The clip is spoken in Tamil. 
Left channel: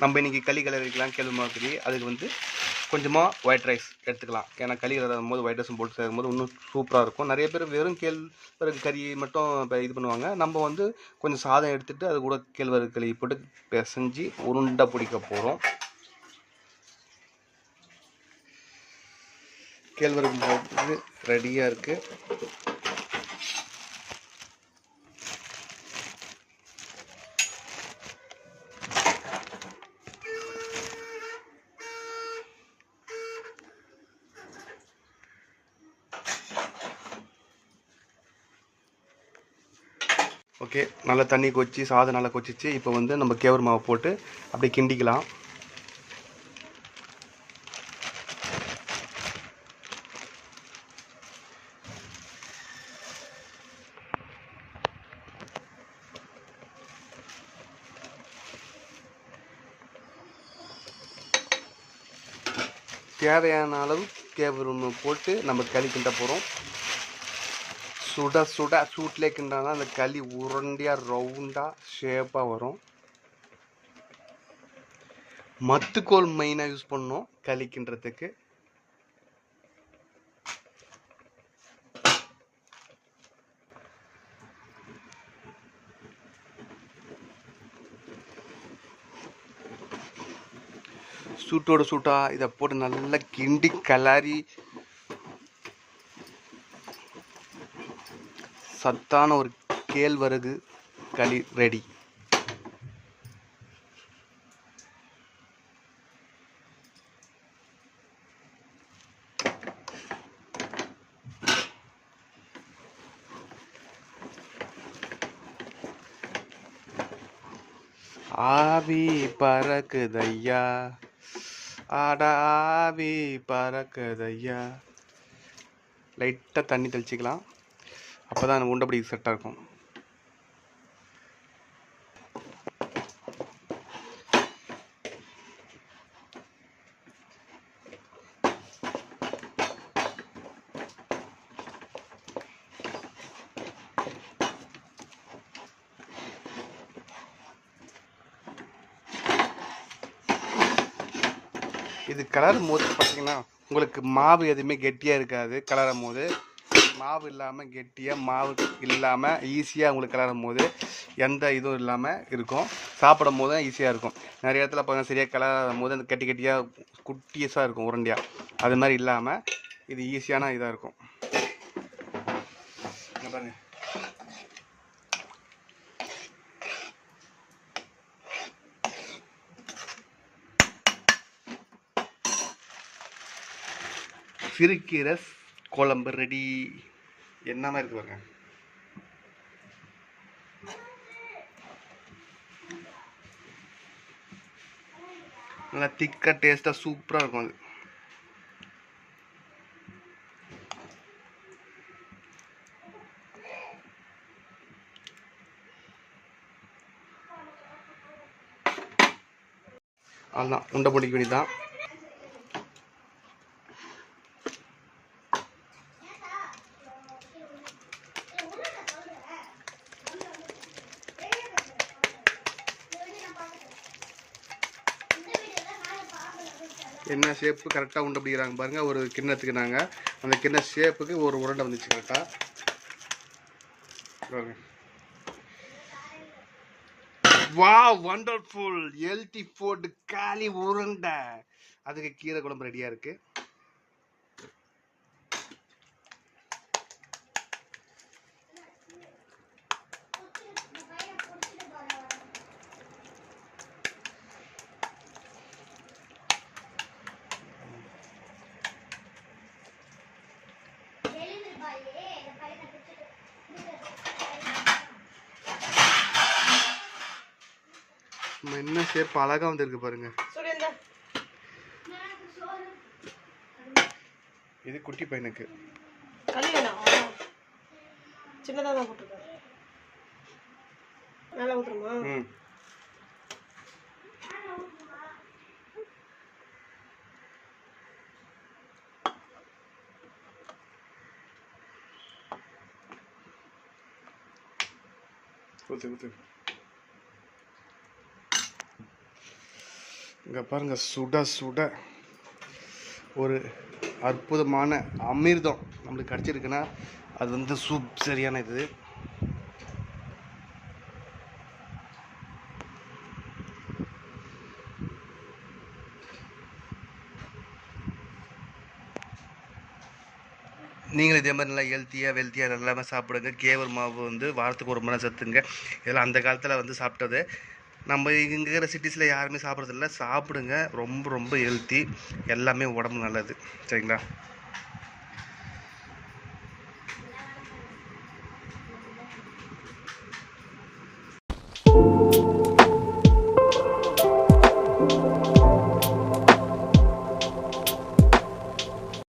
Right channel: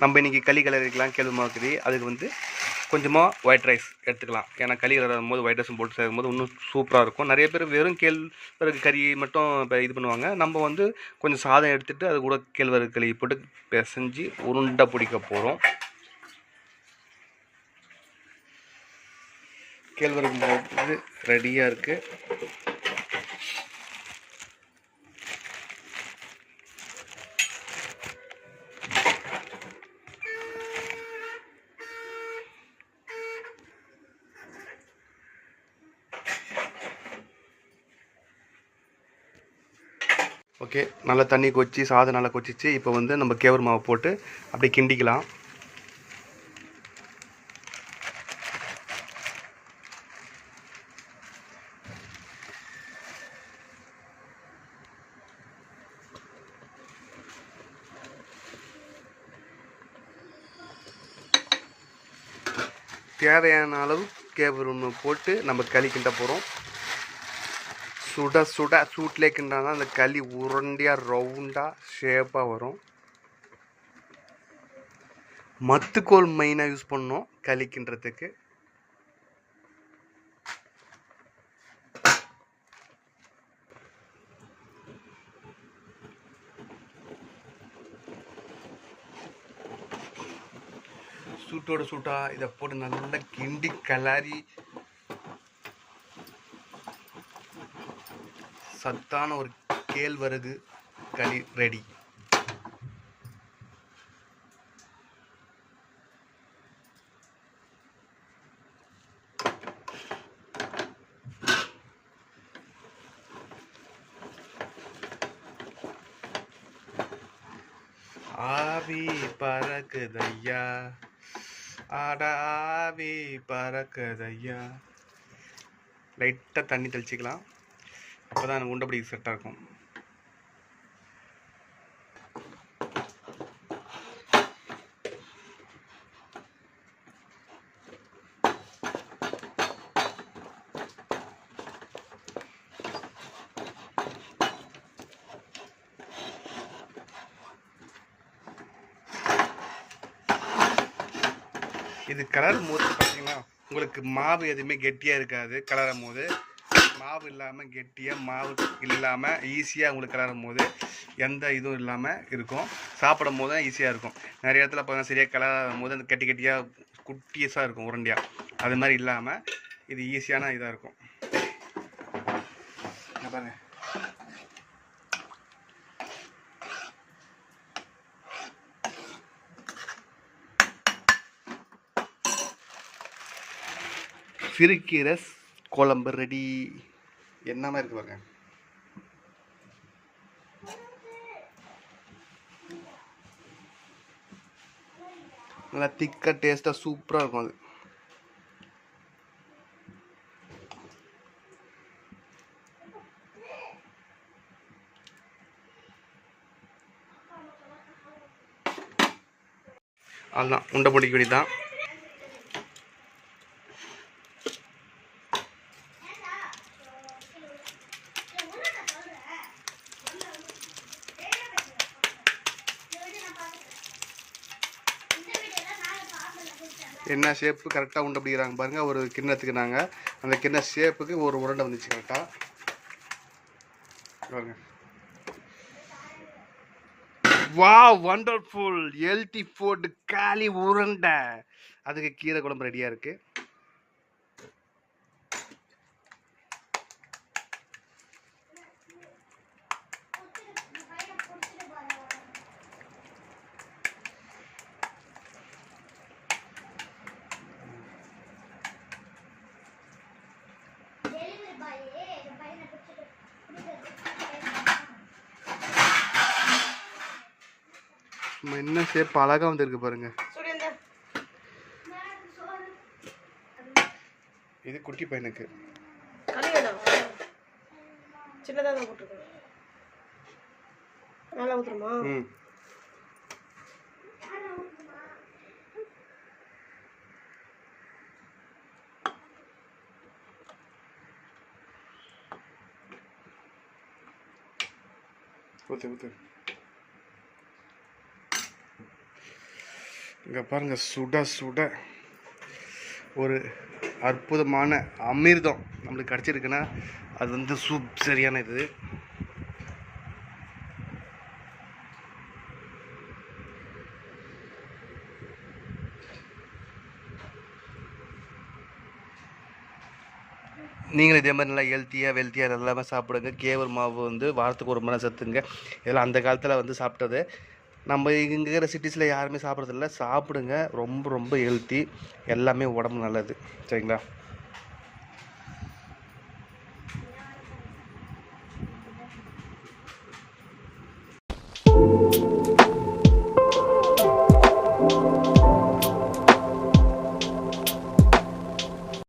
நம்ம இன்றைக்கி களி கிளறிக்கலாம் கேள்வி மாவுக்கறி அதுக்கு வந்து கொஞ்சமாக ஒயிட் ரைஸ் எடுத்துக்கலாம். ஏன்னா களி கிளறும் போது ஒயிட் ரைஸும் போட்டு செய்யும் போது இன்னும் சூப்பராக இருக்கும். நிறைய பேர் வெறும் கேழ்வரகு கறி மட்டும் இப்போ இது பண்ணுவாங்க. நம்ம வந்து கொஞ்சம் சாதம் எடுத்துகிட்டு அது கூட கேழ்வரகு களி போட்டு பிசைஞ்சு உருண்டை பிடிக்க போகிறோம் கேழ்வரகு மாவு ரெடியாக இருக்குது ஓகே. நல்லா தண்ணி கொச்சி சாதம் நல்லா கொச்சிச்சு இப்போ வந்து நம்ம கேவர் மாவை போட்டு அப்படியே கிண்டிக்கலாம். தேவையான அளவு கேவர் போட்டு நம்ம களி கிண்ட போகிறோம் சுட சுட சூட்லேயே கிண்டாதான் அந்த களி உருண்டையாக ரவுண்டாக ஷேப்பாக வரும். மத்துக்கோல் மெயினாக யூஸ் பண்ணோம் களி கிண்டுறதுக்கு. சூட்டோட சூட்டா இதை போட்டு நல்லா கிண்டி கலாரி சத்தான ஒரு கேழ்வரகு களி ரெடி ஆவி பறக்குதையா? ஆட ஆவி பறக்குதையா? லைட்டாக தண்ணி தெளிச்சிக்கலாம். அப்போ தான் உருண்டை பிடிக்க செட்டாக இருக்கும். இது கலரும் போது பார்த்தீங்கன்னா உங்களுக்கு மாவு எதுவுமே கெட்டியாக இருக்காது. கலரும் போது மாவு இல்லாமல் கெட்டியாக மாவு இல்லாமல் ஈஸியாக உங்களுக்கு கிளறும் போது எந்த இதுவும் இல்லாமல் இருக்கும். சாப்பிடும் போது தான் ஈஸியாக இருக்கும். நிறைய இடத்துல பார்த்தீங்கன்னா சரியாக கிளறும் போது அந்த கட்டி கட்டியாக குட்டியஸாக இருக்கும் உருண்டையாக அது மாதிரி இல்லாமல் இது ஈஸியான இதாக இருக்கும். பாருங்க. சிறுக்கீரை குழம்பு ரெடி என்ன மாதிரி இருக்கு பாருங்க. நல்லா திக்காக டேஸ்ட்டாக சூப்பராக இருக்கும் அது. அதுதான் உண்டை பிடிக்க வேண்டியதான் என்ன ஷேப்பு கரெக்டாக உண்டு பிடிக்கிறாங்க பாருங்கள் ஒரு கிண்ணத்துக்கு நாங்கள் அந்த கிண்ண ஷேப்புக்கு ஒரு உருண்டை வந்துச்சு கரெக்டாக வா வண்டர்ஃபுல் எல்டி ஃபோர்டு காலி உருண்டை. அதுக்கு கீரை குழம்பு ரெடியாக இருக்குது என்ன ஷேப் அழகாக வந்திருக்கு பாருங்க. இது குட்டி பையனுக்கு. சின்னதாக தான் போட்டிருக்கேன் நல்லா ஊற்றுருமா ம். ஊத்து ஊத்து. இங்கே பாருங்கள் சுட சுட ஒரு அற்புதமான அமிர்தம் நம்மளுக்கு கிடச்சிருக்குன்னா அது வந்து சூப் சரியான இது. நீங்களும் இதே மாதிரி நல்லா ஹெல்த்தியாக வெல்த்தியாக எல்லாமே சாப்பிடுங்க. கேவர் மாவு வந்து வாரத்துக்கு ஒரு மணி சத்துங்க. இதெல்லாம் அந்த காலத்தில் வந்து சாப்பிட்டது. நம்ம இங்கே இருக்கிற சிட்டிஸில் யாருமே சாப்பிட்றதில்ல. சாப்பிடுங்க. ரொம்ப ரொம்ப ஹெல்த்தி எல்லாமே உடம்பு நல்லது. சரிங்களா?